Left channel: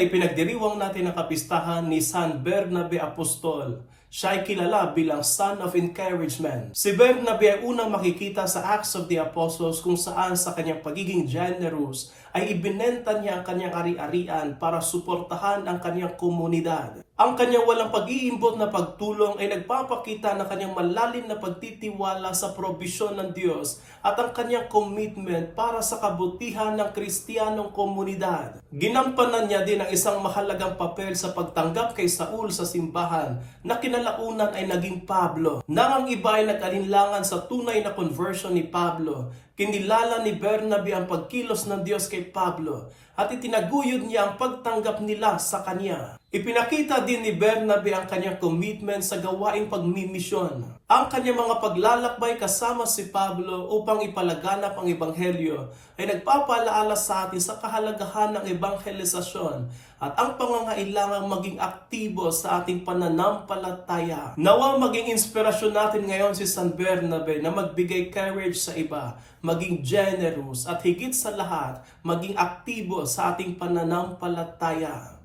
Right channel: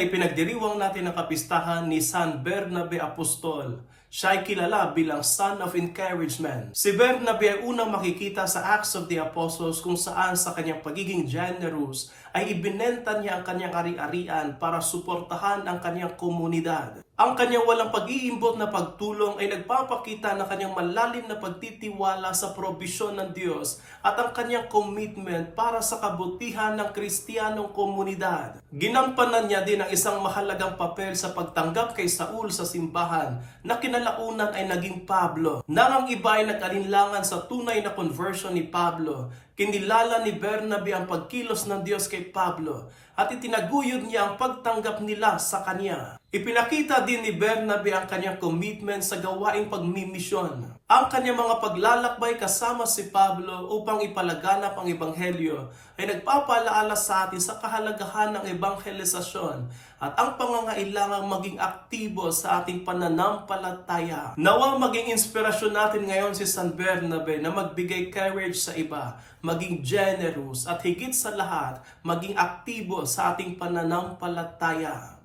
ay pinagdiriwang natin ang kapistahan ni San Bernabe Apostol. Siya ay kilala bilang Son of Encouragement. Si Bernabe ay unang makikita sa Acts of the Apostles kung saan sa kanyang pagiging generous ay ibinenta niya ang kanyang ari-arian para suportahan ang kanyang komunidad. Ang kanyang walang pag-iimbot na pagtulong ay nagpapakita ng kanyang malalim na pagtitiwala sa probisyon ng Diyos at ang kanyang commitment para sa kabutihan ng Kristiyanong komunidad. Ginampanan niya din ang isang mahalagang papel sa pagtanggap kay Saul sa simbahan na kinalaunan ay naging Pablo. Nang ang iba ay nag-alinlangan sa tunay na conversion ni Pablo, kinilala ni Bernabe ang pagkilos ng Diyos kay Pablo at itinaguyod niya ang pagtanggap nila sa kanya. Ipinakita din ni Bernabe ang kanyang commitment sa gawaing pagmimisyon. Ang kanyang mga paglalakbay kasama si Pablo upang ipalaganap ang ebanghelyo ay nagpapalaala sa atin sa kahalagahan ng ebanghelisasyon at ang pangangailangang maging aktibo sa ating pananampalataya. Nawang maging inspirasyon natin ngayon si San Bernabe na magbigay courage sa iba, maging generous at higit sa lahat, maging aktibo sa ating pananampalataya.